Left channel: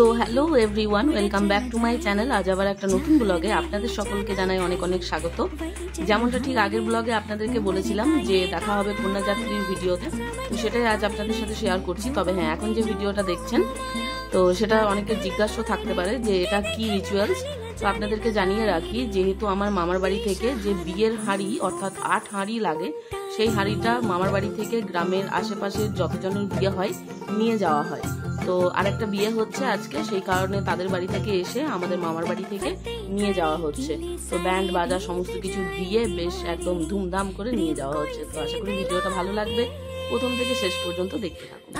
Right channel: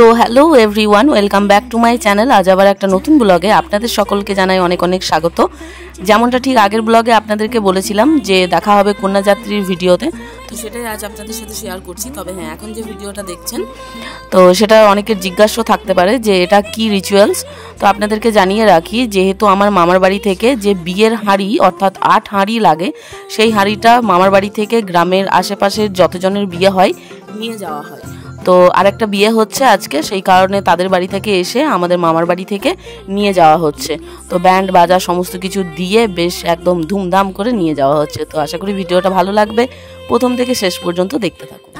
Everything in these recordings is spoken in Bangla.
So hello everyone, welcome back to my channel. আজ আবার একটা নতুন ব্লগে আপনাদের সকলকে জানাই অনেক অনেক স্বাগত। যেমনটা ঠিক আগের ব্লগে আপনাদেরকে বলেছিলাম যে দেখা হবে কন্যাযাত্রীর ভিডিওতে, তো সেটাই আজ আপনাদের সাথে শেয়ার করছি। তবে হ্যাঁ, এখন যে ভিডিওটা দেখছেন তো সেটা অনেকের জিজ্ঞাসা থাকতে পারে যে এটা কি রিচুয়ালস। তো আপনাদেরকে জানিয়ে রাখি, যেহেতু আমার মামার বাড়ি থেকে যে বিয়ের হাঁড়ি অর্থাৎ 8 হাঁড়ি লাগে, সেই হাঁড়িটা মামার বাড়ি থেকে গ্রামের আশেপাশের যতজনের বিয়ে হয় নিয়ে যাওয়া হয়। তো আরেকটা বিয়ে হচ্ছে আজকে, সেই কারণে তাদের বাড়ি থেকে এসে আমাদের মামার বাড়ি থেকে নিয়ে যাওয়া হচ্ছে। তো ব্যান্ড বাজা সমস্ত কিছু দিয়ে বেশ একদম ধুমধাম করে নিয়ে যাওয়া হচ্ছে। তো আশা করি ভিডিওটা ভালো লাগবে, প্রথম থেকে শেষ পর্যন্ত দেখতে থাকুন।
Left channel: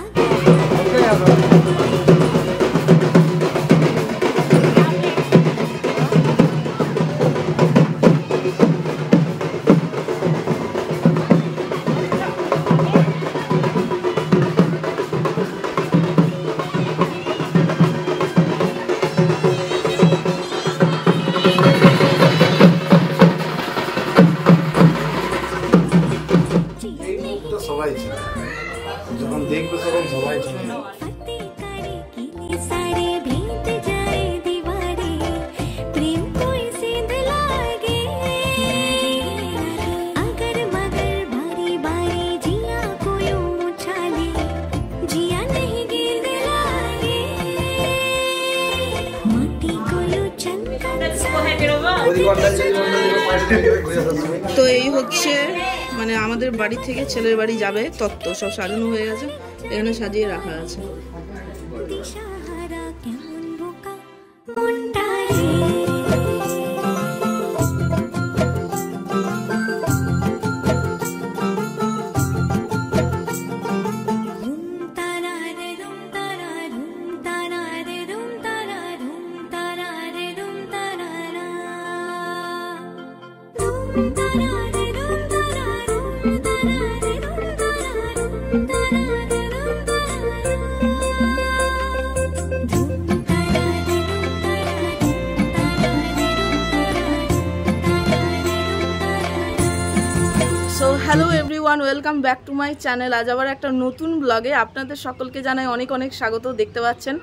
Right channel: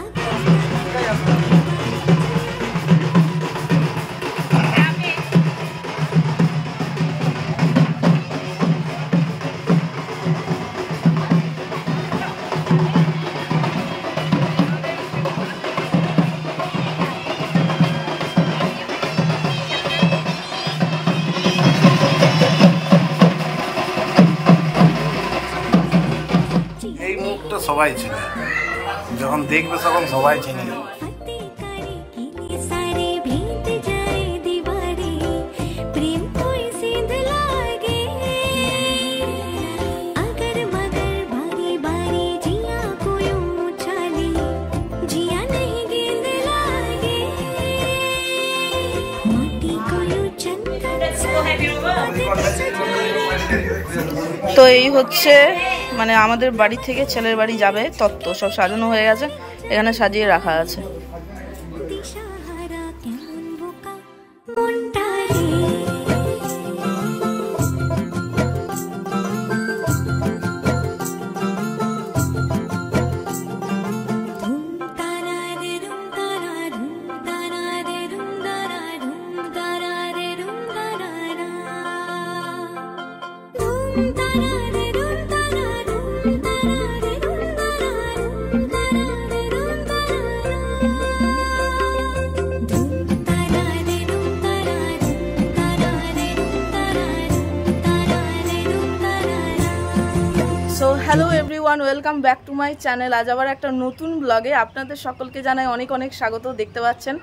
সবাই চিনে, যখন দেখবে তখন সবাই চিনে। তো এই হচ্ছে মানে আমাদের বাড়ি থেকে ছেলের বাড়ি যাবে তত্ত্ব, সব সাজানো হয়ে গেছে, এখানে সাজিয়ে রাখা আছে। So hello everyone, welcome back to my channel. আজ আবার একটা নতুন ব্লগে আপনাদের সকলকে জানাই অনেক অনেক স্বাগত। দেখতে পাচ্ছেন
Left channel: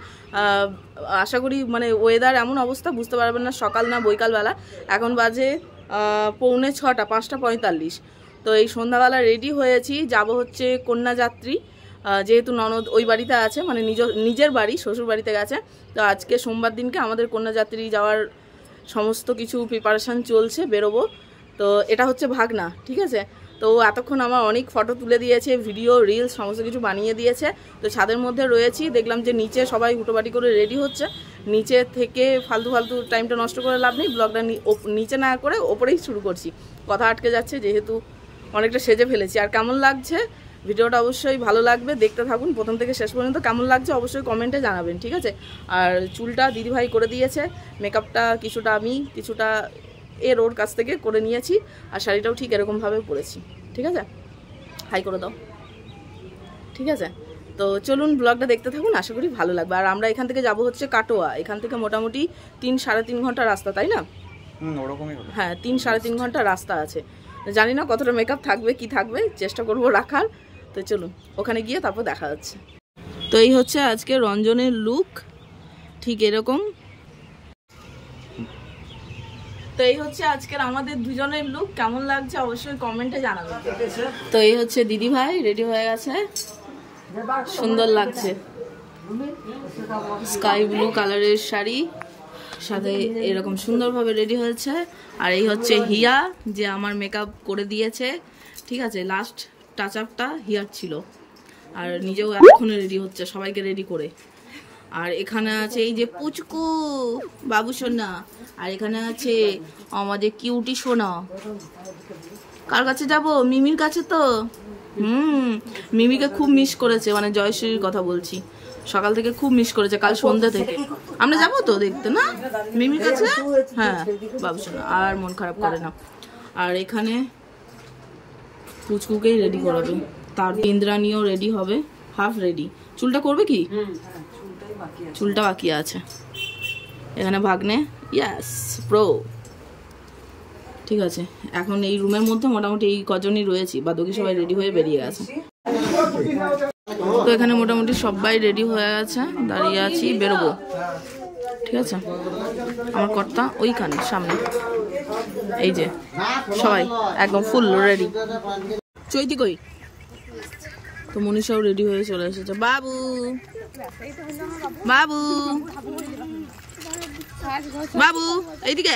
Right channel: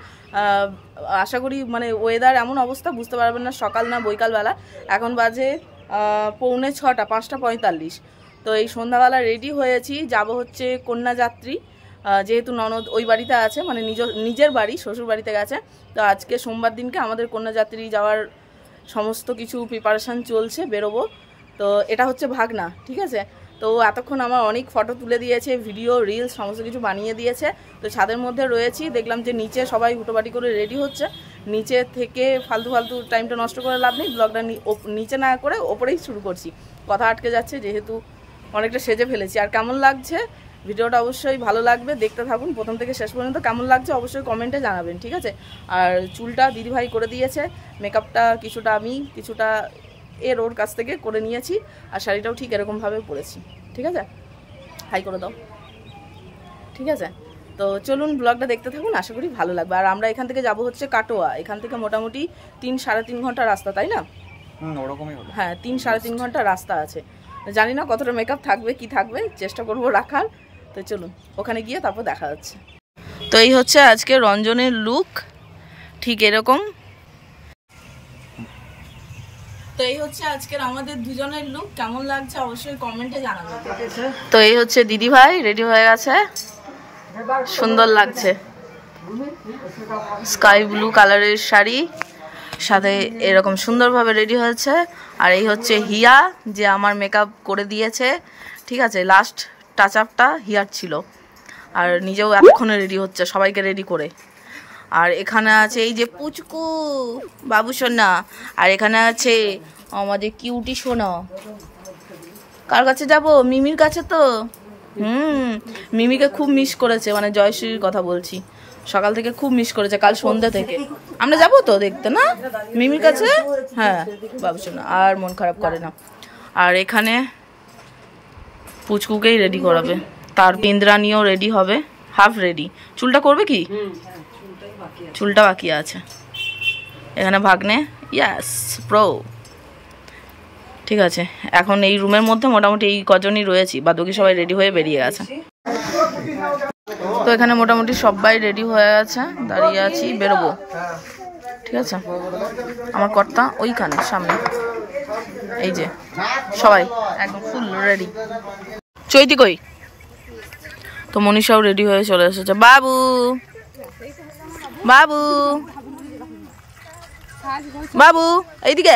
আশা করি মানে ওয়েদার এমন অবস্থা বুঝতে পারবেন না, সকাল না বৈকালবেলা। এখন বাজে 6:45, 5:45। তো এই সন্ধ্যাবেলা রেডি হয়েছি, যাব হচ্ছে কন্যাযাত্রী। যেহেতু ননদ ওই বাড়িতে আছে, মানে নিজের বাড়ি, শ্বশুর বাড়িতে গেছে। তো আজকে সোমবার দিনকে আমাদের কন্যাযাত্রী যাওয়ার সমস্ত কিছু প্রিপারেশান চলছে, বেরোবো। তো এটা হচ্ছে ভাগনা, ঠিক আছে। তো এতক্ষণ আমার অনেক ফটো তুলে দিয়েছে, ভিডিও রিলস সমস্ত কিছু বানিয়ে দিয়েছে। তো ছাদের মধ্যে রয়েছি, দেখলাম যে নিচে সবাই হুটোপাটি করে রেডি হচ্ছে। নিচে থেকে ফালতু টাইমটা নষ্ট করে লাভ নেই, ব্লগটা নিচে না করে ওপরেই শুরু করছি। কথা আটকে যাচ্ছে যেহেতু অনেকটা সেজে ফেলেছি। আর কেমন লাগছে ভিডিওটা অবশ্যই ভালো লাগবে, দেখতে থাকুন প্রথম থেকে শেষ পর্যন্ত। কেমন লাগছে অবশ্যই কমেন্টে জানাবেন, ঠিক আছে। আর চুলটা দিদিভাই করে দিয়েছে, মেকআপটা কিছুটা আমি কিছুটা ওর কাছ থেকে করে নিয়েছি। আর শাড়িটাও ঠিক এরকমভাবে পরেছি, ঠিক আছে। হাই করে দাও, ঠিক আছে। তো চলুন ব্লগটা দেখতে থাকুন, আশা করি ভালো লাগবে। আর আমরা এখান থেকে যাব হচ্ছে কাটোয়া, এখান থেকে মোটামুটি 3-3.5 ঘন্টা রাস্তা, তাই না? ওরকমই হবে। হ্যাঁ, 3-3.5 ঘন্টা রাস্তা আছে। জানি না কতটা মেকআপ থাকবে কি থাকবে, চেষ্টা করব রাখার। তো চলুন ওখানে গিয়ে তারপর দেখা যাচ্ছে। তো এই হচ্ছে আজকে রঞ্জনের লুক, ঠিক এরকম। তো এই হচ্ছে আজকের আমাদের দুজনের লুক, কেমন লাগছে অবশ্যই কমেন্টে জানাবেন। তো এই হচ্ছে দিদি ভাই রেডি হয়ে গেছে, সুন্দর লাগছে, স্কাই ব্লু কালারের শাড়ি সাথে এরকম সুন্দরভাবে রেডি হয়েছে। আর এই হচ্ছে হিয়া, যে আমার মেকআপ করে দিয়েছে, ঠিক আছে। লাস্ট টাচ আপটা হিয়ার ছিল। আর নিজেও এতক্ষণে রেডি হচ্ছে সবাইকে রেডি করে। আর এখানে আছে এই যে পুচকু বাবু সোনা, আর এখানে আছে আমাদের কিউটি সোনা। কার কাছে যাব? মিমির কাছে। তো মিমিকে খুব মিস করেছে, মানে জয়শ্রীর কথা বলছি। সকাল থেকে খুব মিস করেছে, কাল সন্ধ্যা থেকে। আমরা যাবো তো দেখতে না মিমির কাছে? হ্যাঁ বাবুসোনা আর মন খারাপ করে না। আর এখানে পুচকুকেই রেডি করাবে, তার ইন্দ্রাণীও রেডি হবে, হাফ রেডি। চুলটা করবে কি? চুলটা বাকি আছে। এখানে ভাগ্নে, ইয়াস প্রো। ঠিক আছে, এখন এই রুমের মধ্যে মোটামুটি এই কজনই রয়েছি, বাদবাকি সবাই রেডি হয়ে বেরিয়ে গেছে। তো এখানে মোটামুটি সবাই রেডি হয়ে গেছে, দাঁড়িয়ে আছি, বেরোবো। ঠিক আছে, আমার কর্তা ওইখানে সামনে, এই যে সবাই একদম ফুল রেডি। চৈতি কই? তো মনীষাও রেডি হয়ে চলে এসেছে। বাবু বাবু বাবু এইদিকে।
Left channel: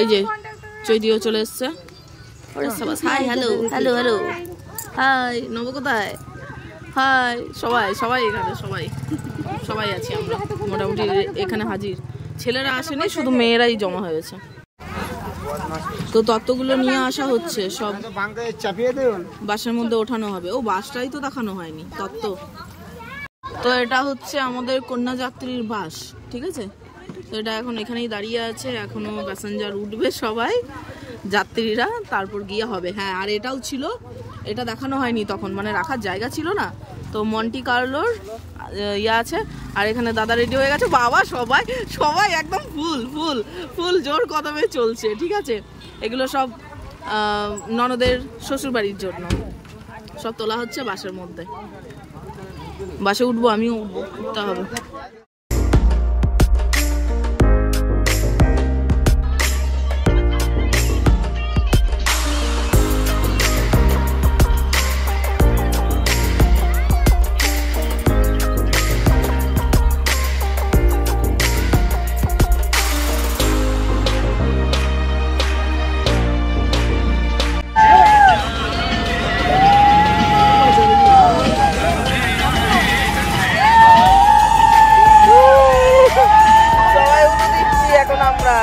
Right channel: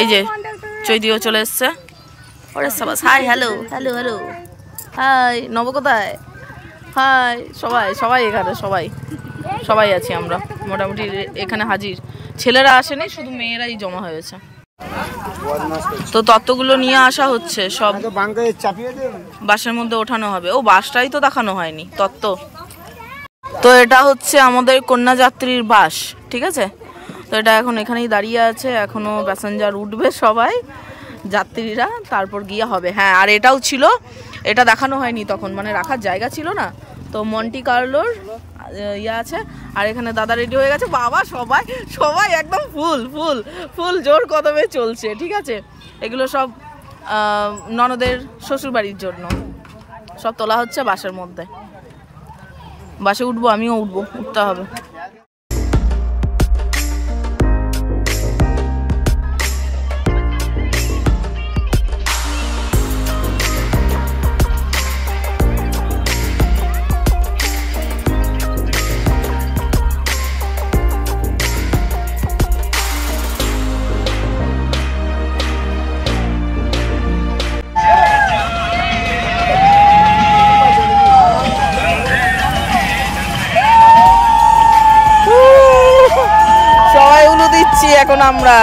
এই যে চৈতিও চলে এসছে। ওরে সবাই hi, hello hello hello, hi. নব কোথায়? হাই। সবাই সবাই এখানে, সবাই সবাই আছি আমরা মোটামুটি এখানে হাজির। ছেলেরা আসেনি, শুধু মেয়েরাই জমা হয়েছে। তো তত্ত্বগুলো নিয়ে আসা হচ্ছে, সব বাসের মধ্যে ওঠানো হবে। ও বাসটাই তো দেখানো হয়নি, তত্ত্ব। তো এটা হচ্ছে আমাদের কন্যাযাত্রীর বাস, ঠিক আছে। তো এটা এখন এখানেই দাঁড়িয়ে আছে, এখনো প্যাসেঞ্জার উঠবে সবাই যাত্রীরা, তারপর গিয়ে হবে। হ্যাঁ, আর এটাও ছিল, এটা দেখানো হয়নি তখন, মানে রাখার জায়গা ছিল না। তো মন্টি কার্লোর ইয়ে আছে, আর এখানে দাদা রেডি হয়ে গেছে। বাবা সবাই সবাই একদম ফুল ফুল ফুল জোর কদমে চলছে। ঠিক আছে, এগুলো সব ননদের শ্বশুরবাড়ির জন্য সব তোলা হচ্ছে বাসের মধ্যে। বাসে উঠবো, আমিও উঠবো, উঠতে হবে। এখন আমরা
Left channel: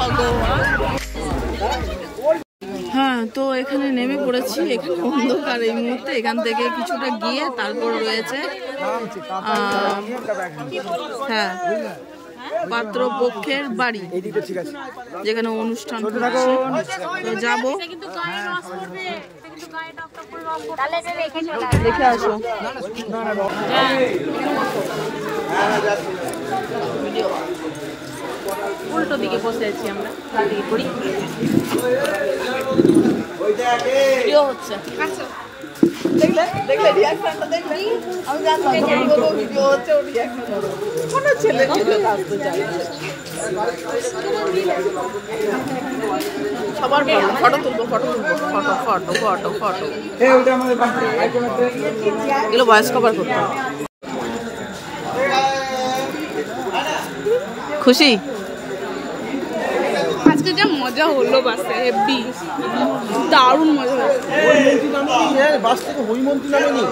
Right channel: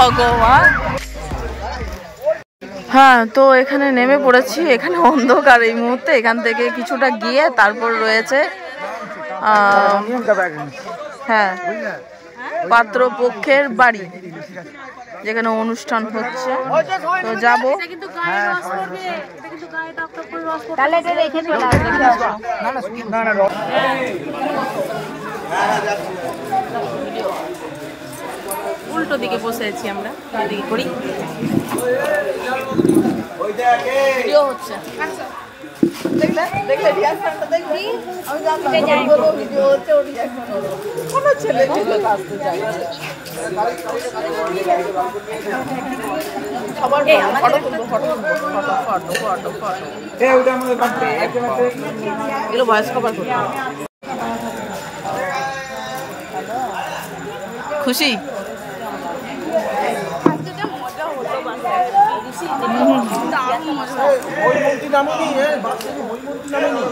ভগবান। হ্যাঁ, তো এখানে নেমে পড়েছি। এখানে অন্ধকার এই মুহূর্তে। এখান থেকে কিছুটা গিয়ে তারপর রয়েছে হ্যাঁ পাত্রপক্ষের বাড়ি, যেখানে অনুষ্ঠান হচ্ছে। তো যাব, দেখে আসো। উল্টো দিকে বসে আছি আমরা, এদিকে করি ভিডিও হচ্ছে। দেখলে দেখলে রিয়াকশনটা দেখলে আমি জানতাম যখন বলবো ভিডিও হচ্ছে ও রিয়াকশন হলো। কোনো ছেলে ভিডিওতে আসতে চায় না। সবার ফটো তুলবো, ফটো তুলবো, ফটো ফটো ফটো ফটো। এগুলো ভয়েস কভার করবো। খুশি? আজকে যা মজা হলো বাসে, হেভি দারুণ মজা হলো। ওই মন্ত্রী নামেনি, বাস থেকে ওই মন্ত্রী নামেনি।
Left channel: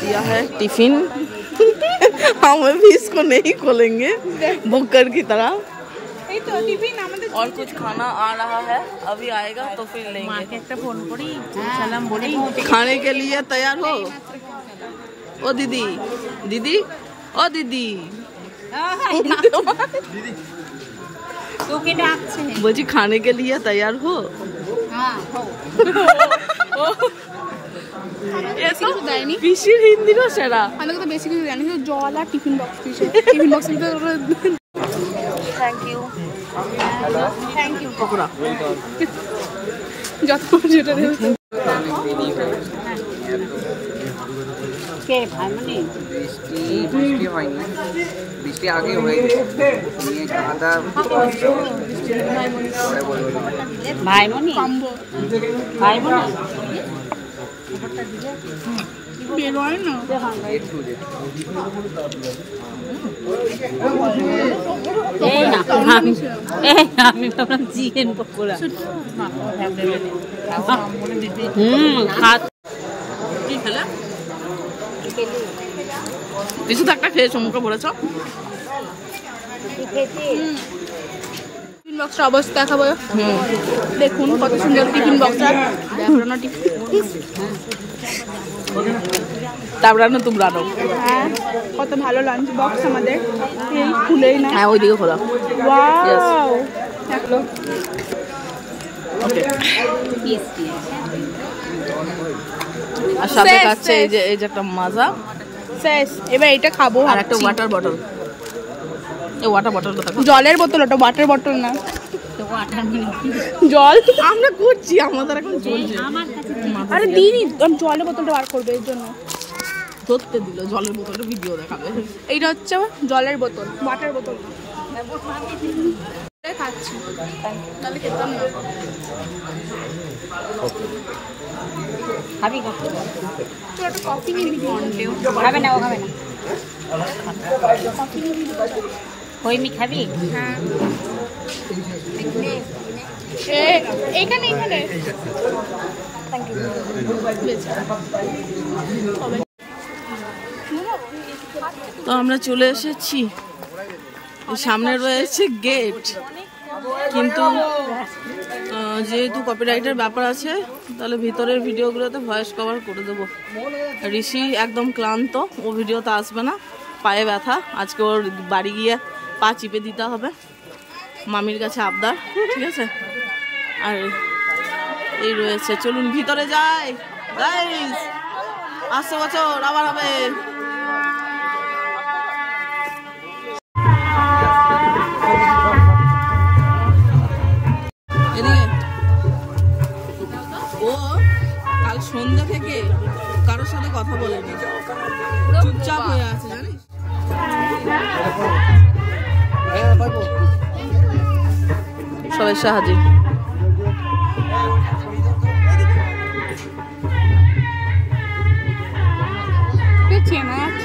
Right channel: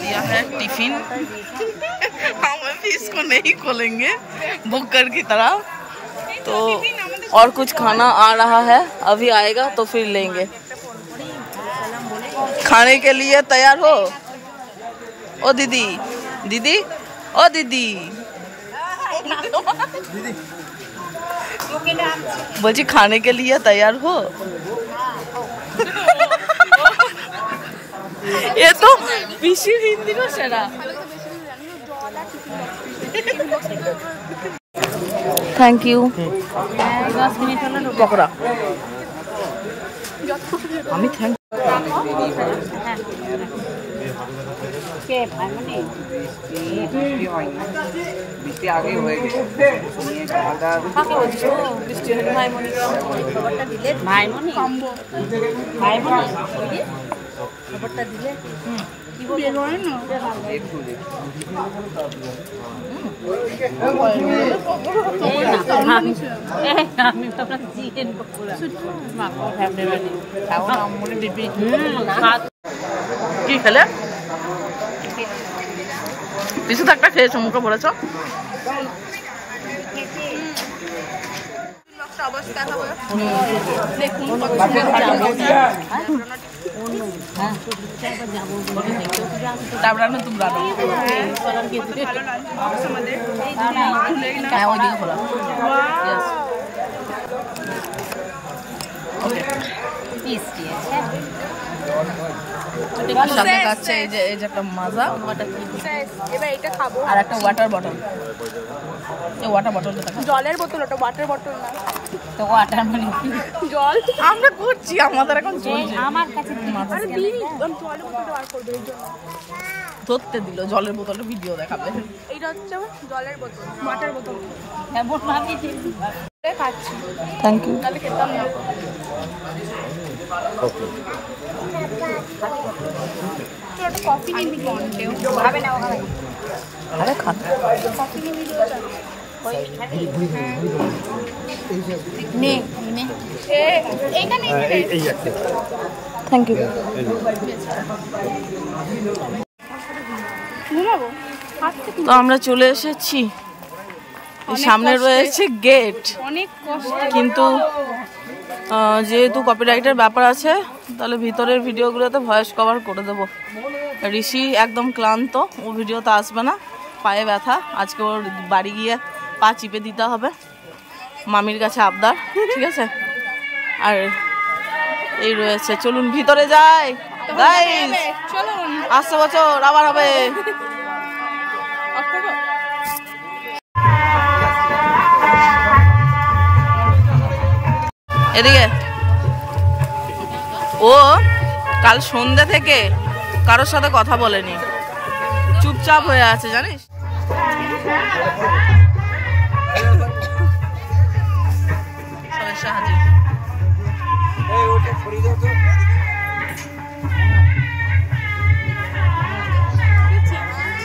दिया है टिफिन, हम भी इसको नहीं खोलेंगे बुकर की तरह। तो और कुछ खाना आ रहा है, अभी आएगा तो फिर लेंगे। खाने के लिए तैयार हो? ओ दीदी, दीदी, ओ दीदी, बोली खाने के लिए तैयार हो? ये तो পিসি হিন্দি না সেরা। আমি তো বেশি কিছু জানি না, জল আর tiffin box thank you. Pakora যত যেটা আমি থ্যাংক বৃষ্টি হয়নি, বৃষ্টি আগে হয়ে গেছে। খাওয়া দাওয়া ভাইমনি বেরোয় না একটু আমি তো চিকেন পকোড়া কি খেলে? কিছু তো একটা খেয়েছো, মুখে বলেছো। টিফিন বক্সের অবস্থা দেখাবো, দেখুন কত সুন্দর টিফিন বক্সটা। তারপরে তোমরা দাও। কত ভালো লাঞ্চ বক্স আমাদের, খুলেই না। হ্যাঁ, ওইদিকে খোলা। Yes. Okay. আর সাথে খাচ্ছে এই যে একটা মাজা, শেষ। এবার এটা খাবো। আর একটা ওয়াটার বটল। এই ওয়াটার বটলটা দেখো, জলের বোতল, ওটা ওয়াটার বটল না। জল আমরা করছি, আমাদের এখন চলছে। আরে দিনই জলের বোতলটা বার করবে, এর জন্য ধরতে দিল। জলের বোতলটা ভিডিও দেখাবে। এইটা হচ্ছে জলের বোতল, ওয়াটার বোতল না। খাচ্ছি, থ্যাংক ইউ। তাহলে খেতাম না। তো একটা কফি নিয়ে ভিডিও খাবে না, আরে খান। কফি নিয়ে ভিডিও চাচ্ছি। হইমি খাবি? নে নে এইখানে থ্যাংক ইউ। তো আমরা চলে এসেছি, সামনে রয়েছে গেট। কিন্তু যেহেতু কপিরাইটের ব্যাপার আছে, তাহলে ভিতরের ভিডিওগুলোতে ভয়েস কভার করে দেবো। ঋষি একদম ক্লান্ত, ও ভিডিওতে আসবে না, পায়ে ব্যথা। আজকে ওর বাড়ি গিয়ে পা চিপে দিতে হবে, মামির কাছে আবদার, ঠিক আছে। আর এই রয়েছে, চলুন ভিতরে যাই গাইস। আসছে বছর আবার হবে। এদিকে ও কাল সন্ধ্যে থেকে কারোর সাথে কথা বলেনি, চুপচাপ হয়ে আছে, জানিস। সব এসে হাজির।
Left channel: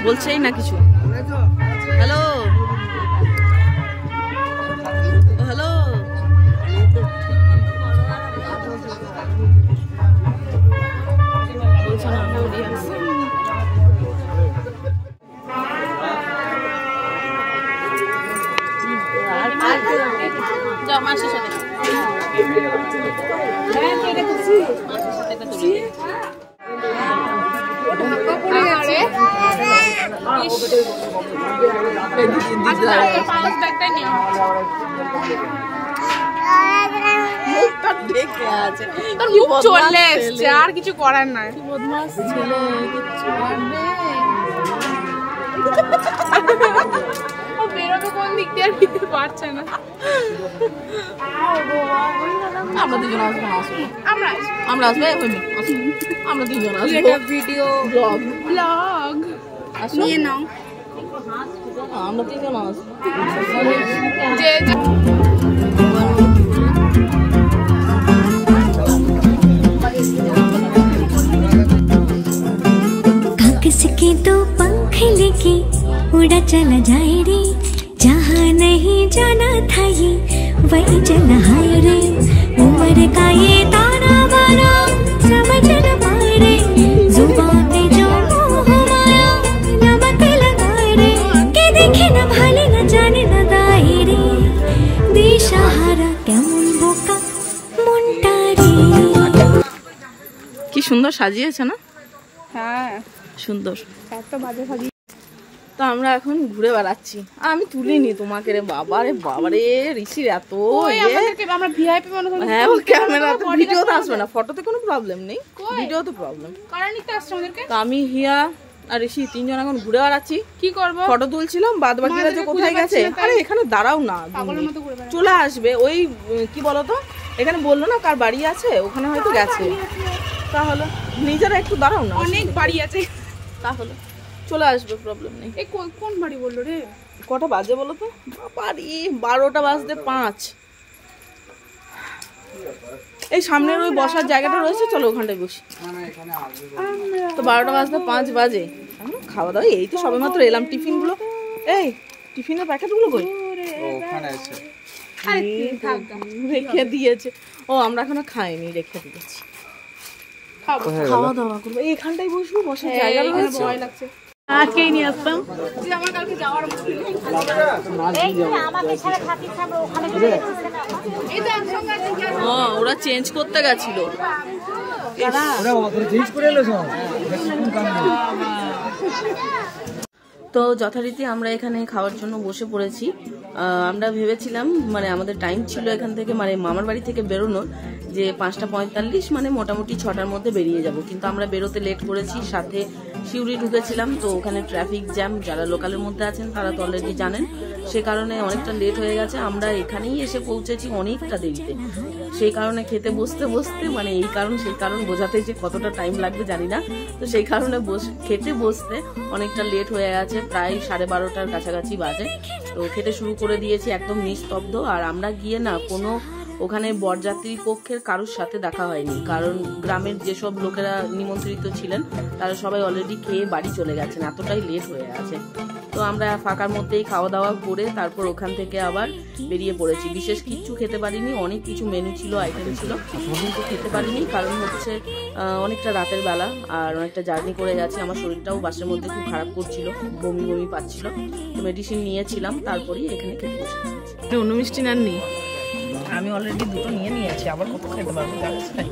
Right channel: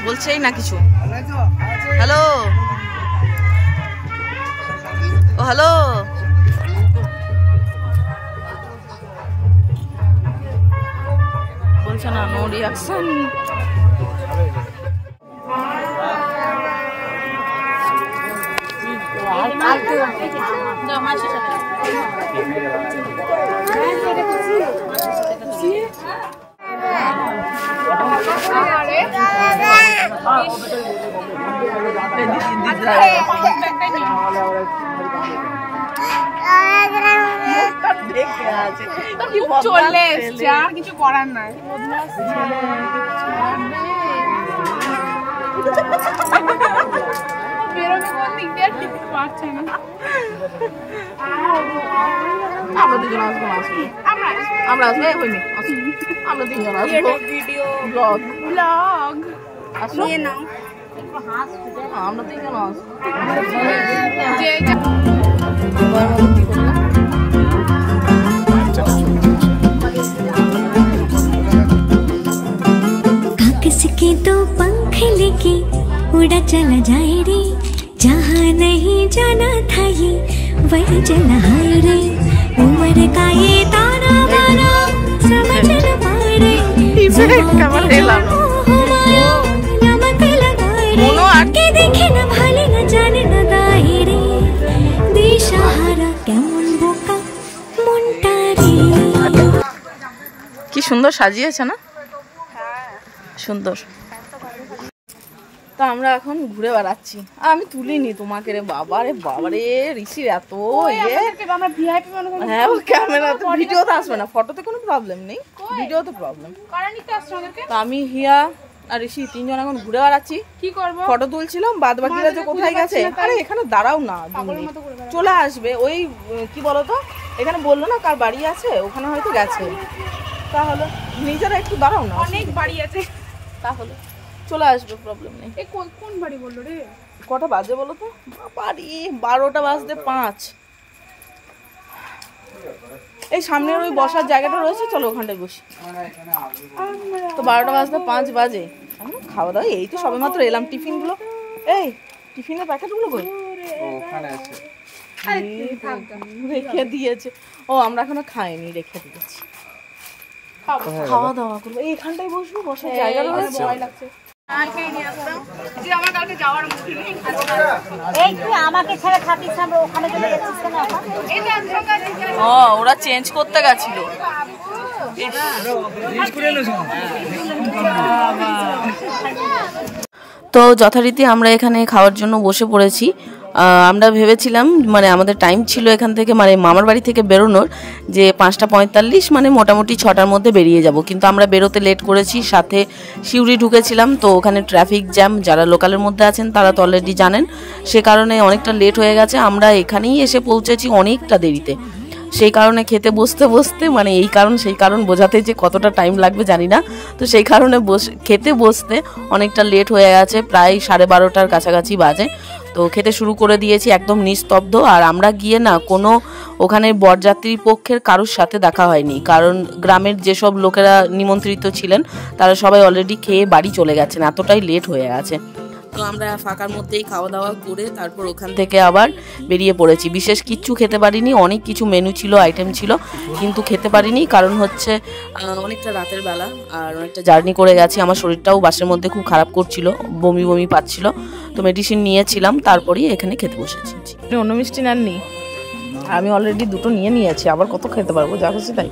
বলছেই না কিছু। হ্যালো, ও হ্যালো। বলছে না, নো রিয়াকশন। আর কিছু করার নাই। বেরোবে কোন দিক দিয়ে আর দিতে পারছে না। আমরা দুজন আসবো, আমরা আসবো, আমরা দুজন আসবো। ভিডিও ব্লগ নিয়ে নাও। আমরা দুজন আসবো। किसके तो पंख लेके उड़ा चला जाए रे, जहाँ नहीं जाना था ये वही चला हाय रे। उम्र का ये ताना बाना समझ न पाए रे, जुबान पे जो मोह माया नमक लगाए रे, के देखे न भाले न जाने न दाए रे, दिशाहारा केमन बोका मुंटा रे। কি সুন্দর সাজিয়েছে না? হ্যাঁ সুন্দর। তো আমরা এখন ঘুরে বেড়াচ্ছি। আমি তুলিনি তোমাকে রে বাবা রে, বাবা রে ঋষির এত ইয়ে। আমরা ভিআইপি মানুষ। হ্যাঁ, ও ক্যামেরাতে ভিডিওতে আসবে না, ফটোতে কোনো প্রবলেম নেই, ভিডিওতে প্রবলেম। কারণ নিতে আসছে আমাদেরকে। তো আমি, হিয়া আর ঋষি তিনজন এখন ঘুরে বেড়াচ্ছি। কি করবে? ফটো তুলছিলাম, বাদ বাকিরা যে কোথায় গেছে। আরে এখানে দাঁড়াও না, চলে আসবে। ওই কি বলতো, এখানে বললো না কার বাড়ি আছে, ওখানে হয়তো গেছে। তাহলে নিজেরা একটু দাঁড়াও না, অনেক বাড়ি আছে, তাহলে চলে আসবে, প্রবলেম নেই। এই কোন বাড়ি বললো রে? কটা বাজে বলো তো? বাড়ি 12টা বাজতে 5। এই সামনের ওই বসার জায়গাটা রয়েছে, চলো ওখানটায় বসি। তো 12টা বাজতে 5 বাজে। খাওয়া দাওয়া এই তো সবে মাত্র এলাম। টিফিন গুলো, এই টিফিনের প্যাকেট গুলো কই? রেখে দিয়েছে। ও আমরা এখনো খাইনি, রেখে দিয়েছি। খাওয়া দাওয়া করবো, এইখানটাই বসবো, বসার জায়গা রয়েছে। ভয় লাগছে। আজকেই নিয়ে আসতাম যে আমার কালকে যাওয়ার মুড নেই। আমাকে ছেড়ে থাকিস আমরা ওখানে এই তো একসঙ্গে আছি। ও ওরা চেঞ্জ করতে গেছিল। তো যথারীতি আমরা এখানে খাওয়ার জন্য বসে পড়েছি। আমরা ভেবেছিলাম, মানে আমাদের টাইম ছিল এখান থেকে, মানে মামার বাড়ি থেকে বেরোনোর, যে 5টা 45, মানে মোটামুটি 6টার মধ্যে বেরিয়ে যাব। কিন্তু আমরা বেরোতে লেট করেছি, সাথে সিউড়ি ঢুকেছিলাম। তো ওখানে ট্রাফিক জ্যাম, যারা লোকালের মধ্যে আছেন তারা তো অলরেডি জানেন, সে কারণে অনেকটা লেট হয়ে গেছে। আমরা এখানেই এসে পৌঁছেছি অনেকটা দেরিতে। সেই কারণে খেতে বসতে বসতে, মানে এই কারণ সেই কারণ বোঝাতে যে কতটা টাইম লাগবে জানি না। তো সেই কারণে খেতে বসতে অনেকটা লেট হয়ে গেছে, প্রায় 12:30টার কাছাকাছি বাজে। তো খেতে শুরু করে দিয়েছি, একদম নিস্তব্ধ। আর আমরা গিয়ে না কোনো ওখানে বরযাত্রী পক্ষের কারোর সাথে দেখা হয়নি, কারণ গ্রামের যেসব লোকেরা নিমন্ত্রিত ছিলেন তারা সবাই অলরেডি খেয়ে বাড়ি চলে গেছেন, এতটাই লেট হয়ে গেছে। তো আমরা ফাঁকার মধ্যেই খাওয়া দাওয়া করে তারপর ওখান থেকে আবার বেরিয়ে পড়েছি। বিশেষ কিচ্ছু খেতে পারিনি, অনেক কিছু মেনু ছিল, আইটেম ছিল, কিন্তু খেতে পারিনি, কারণ হচ্ছে অনেকটা রাতের বেলা আর অনেকটা জার্নি করে গেছি। আমার শরীরটাও বাসের মধ্যে খুব খারাপ করছিল, বমি বমি পাচ্ছিল। তো মেডিসিন নিয়েছিলাম, তারপরেই এখানে খেতে বসেছি। অন্য মিষ্টি নেননি? আমি অলরেডি 2টো নিয়ে নিয়েছি, আবার কত খেতে পারবো, যা খুশি তাই।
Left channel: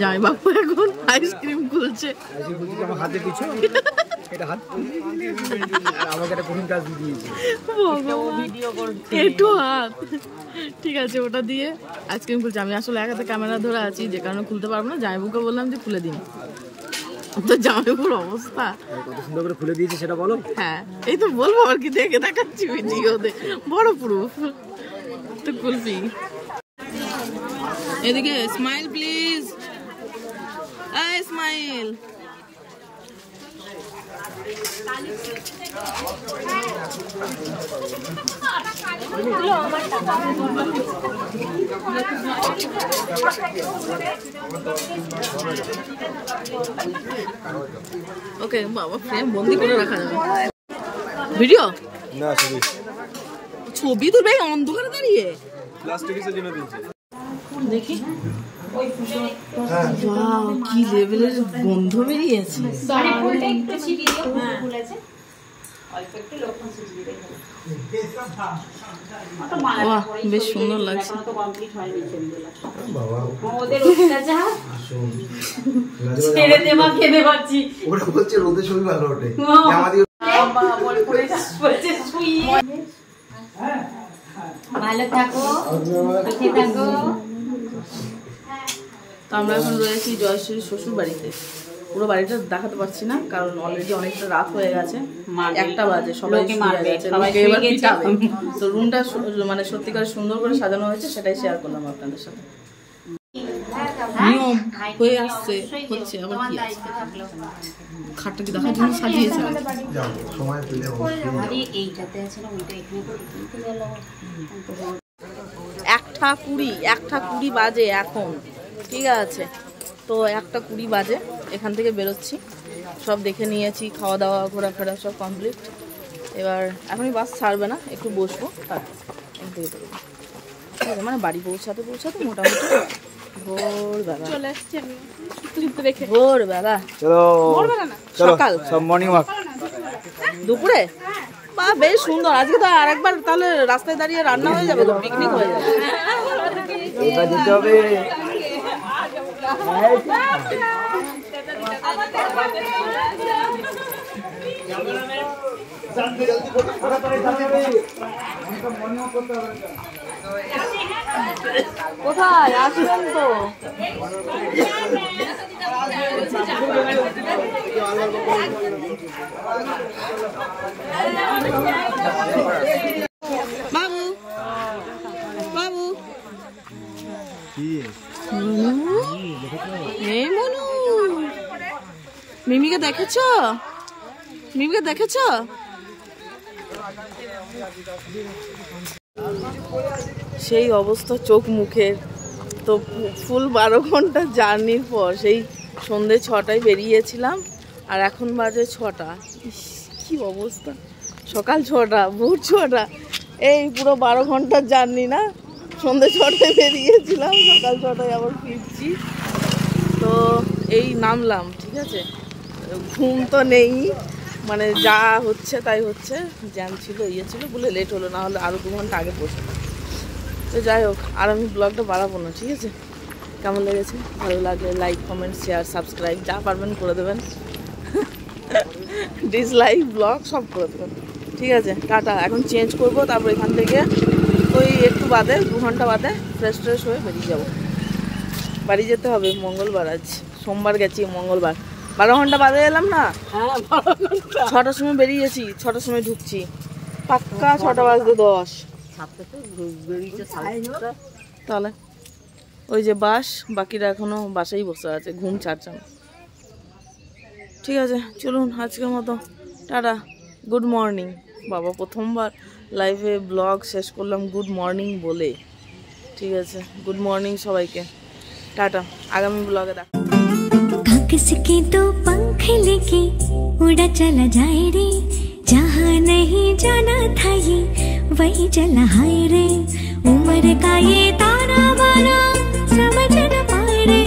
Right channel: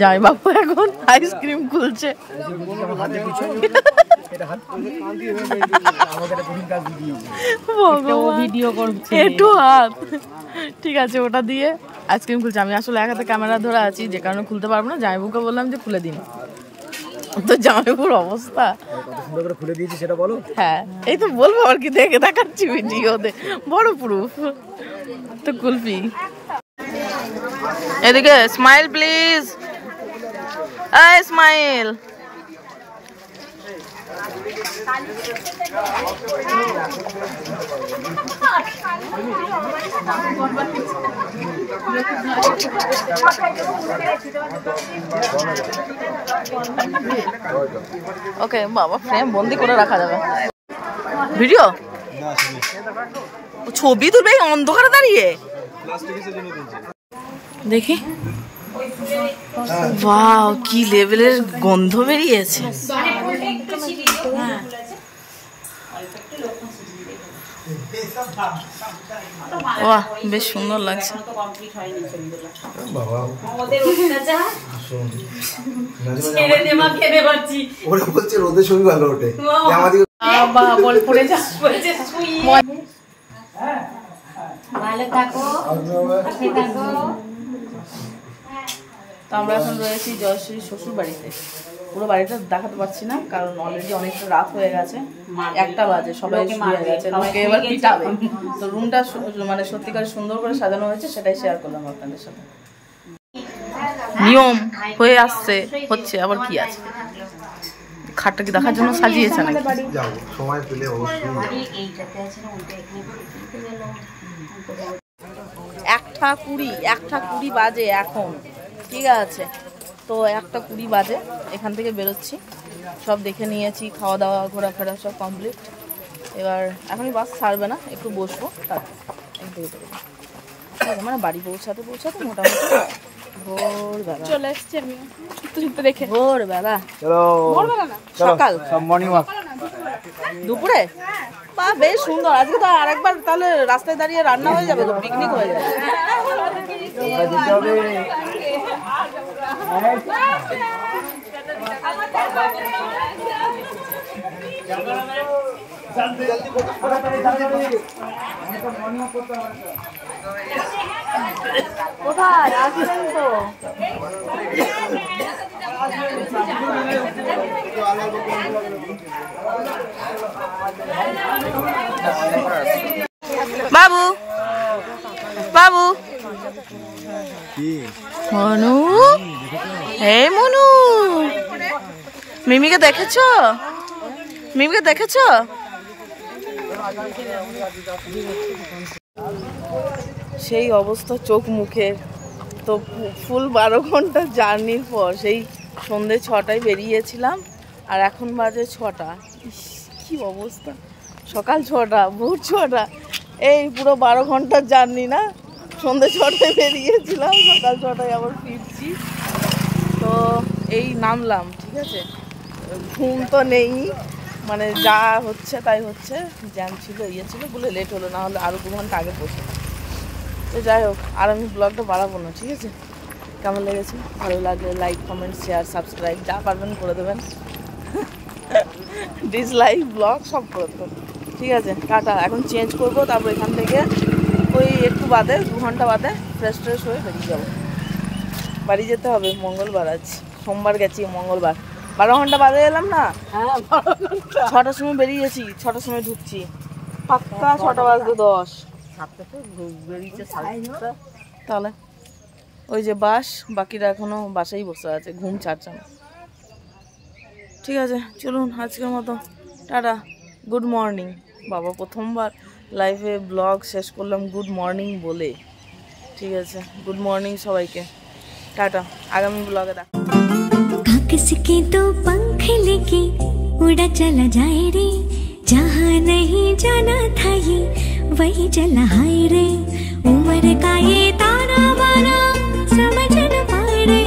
যাই বাপু এখন আইসক্রিম খুলছে। একটু হাত, ঠিক আছে, ওটা দিয়ে আইসক্রিম খুলছে। আমি আসলে এক হাতে ক্যামেরা ধরে আছি, যে কারণে খুলতে পারবো না। জামাইবুকে বললাম যে খুলে দিন, তো জামাইবুর অবস্থা কত সুন্দর করে খুলে দিয়েছি সেটা বলো। হ্যাঁ, এই তো বলবো আর কি, দেখে দেখাচ্ছি ভিডিওতে, বড় প্রুফ। তো খুলছি। এদিকে স্মাইল প্লিজ, স্মাইল। ওকে বাবা, ফ্রেম বন্দি করে রাখা যাবে। ভিডিও না সরি, ছবি তুলবে অন্ধকারে দাঁড়িয়ে দেখি। বাহ, কি লেভেলের গন্ধ বেরিয়েছে। বাহ, বেশ সুন্দর লাগছে। তো আমরা এখন রয়েছি জয়শ্রী শ্বশুর বাড়িতে। পুরো বাড়িটা দেখাতে পারছি না, কারণ অলরেডি অনেকটা রাত হয়ে গেছে, 1টা বাজে, সবাই শুয়ে গেছে, লোকে এবার পিটাবে। তো রুমটা মানে সত্যিকার সুন্দর করে সাজানো হয়েছে, সেটাই শেয়ার করলাম আপনাদের সাথে। নিয়ম হয়ে আসছে, হচ্ছে, আবার কি আছে। খাটটা কি দেখার জন্য সাজিয়েছে নাকি? একটা 20 বাজে এখন, ঠিক আছে। তো 1:20 বাজে, এখান থেকে বেরোচ্ছি। সব দেখে নিয়েছি, খাওয়া দাওয়া ঘোরাফেরা সব কমপ্লিট। এবার এখনই বাস ছাড়বে না, একটু বসবো, তারপর এখান থেকে বেরোবো, ঠিক আছে। মানে বাড়ি পৌঁছাতে মোটামুটি ভোরবেলা, ভোরবেলা না, সকাল, দুপুরে। বা বেশ সুন্দর। আজকে তো আরেকবার তাহলে রাস্তায় দাঁড়িয়ে রান্না হয়ে যাবে, তো পিকনিক হয়ে যাবে। কোথায় আসবেন তো? বাবু, বাবু, মনু, এই মনু, মিমিকে দেখেছ? মিমিকে দেখেছ? সেই অবস্থা চোখ মুখের। তো ফুল 12 ঘন্টা জার্নির পর সেই সন্ধে 6টায় বেরিয়েছিলাম, আর এখন বাজে 6টা। কি অবস্থা! সকাল 6টা, ভোর 6টা, এই পুরো 12 ঘন্টার জার্নি না। সন্ধে 6টায় বেরিয়েছিলাম, সকাল 6টায় আবার ফিরছি। তো এই নামলাম, ঠিক আছে। ঘুম তো নেই, মানে যা হচ্ছে তাই হচ্ছে। জ্যাম ছিল, ছিল বলে লেট হলো, না হলে আরও 2 ঘন্টা আগে পৌঁছলাম। তো যাই হোক, আর আমি ব্লগটা বাড়াবো না, ঠিক আছে। কেমন লেগেছে? ভালো লাগলে লাইক, কমেন্ট, শেয়ার, সাবস্ক্রাইব যা পারবেন করে দেবেন। ডিসলাইক, ব্লগ সব করে দেবেন, ঠিক আছে। টাটা। এখন চেঞ্জ করব, তারপর এখান থেকে ওই একটু বাদে, 2 ঘন্টা বাদে ফ্রেশ হয়ে বেরিয়ে যাব। বাড়ি যেতে হবে, মঙ্গলবার আজ, সোমবার গেছি, মঙ্গলবার। 12 ঘন্টা বাদে এলাম না? হ্যাঁ, 6টার সময় বেরিয়েছি, 6টার সময় ঢুকছি, পাক্কা 6টা বাজতে 10। তাহলে ওই যে বাস, বাকিরা এখনো বাসায় বসে আছে, ঘুম ছাড়ছে না। ঠিক আছে, চলুন আজকের মতো টাটা, গুড মর্নিং। বাবা, প্রথমবার লাইভে ব্লগ শেষ করলাম গুড মর্নিং বলে, ঠিক আছে। গুড মর্নিং সবাইকে, টাটা। আগামী ব্লগে দেখা। किसके तो पंख लेके उड़ा चला जाए रे, जहाँ नहीं जाना था ये वही चला हाय रे। उम्र का ये ताना बाना समझ न पाए रे,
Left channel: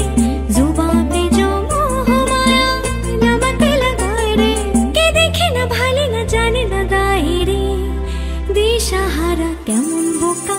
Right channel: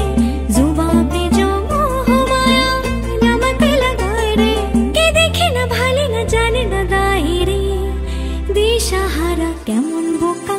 जुबां पे जो मोह माया नमक लगाए रे। के देखे न भाले न जाने न दाए रे, दिशाहारा केमन बोका।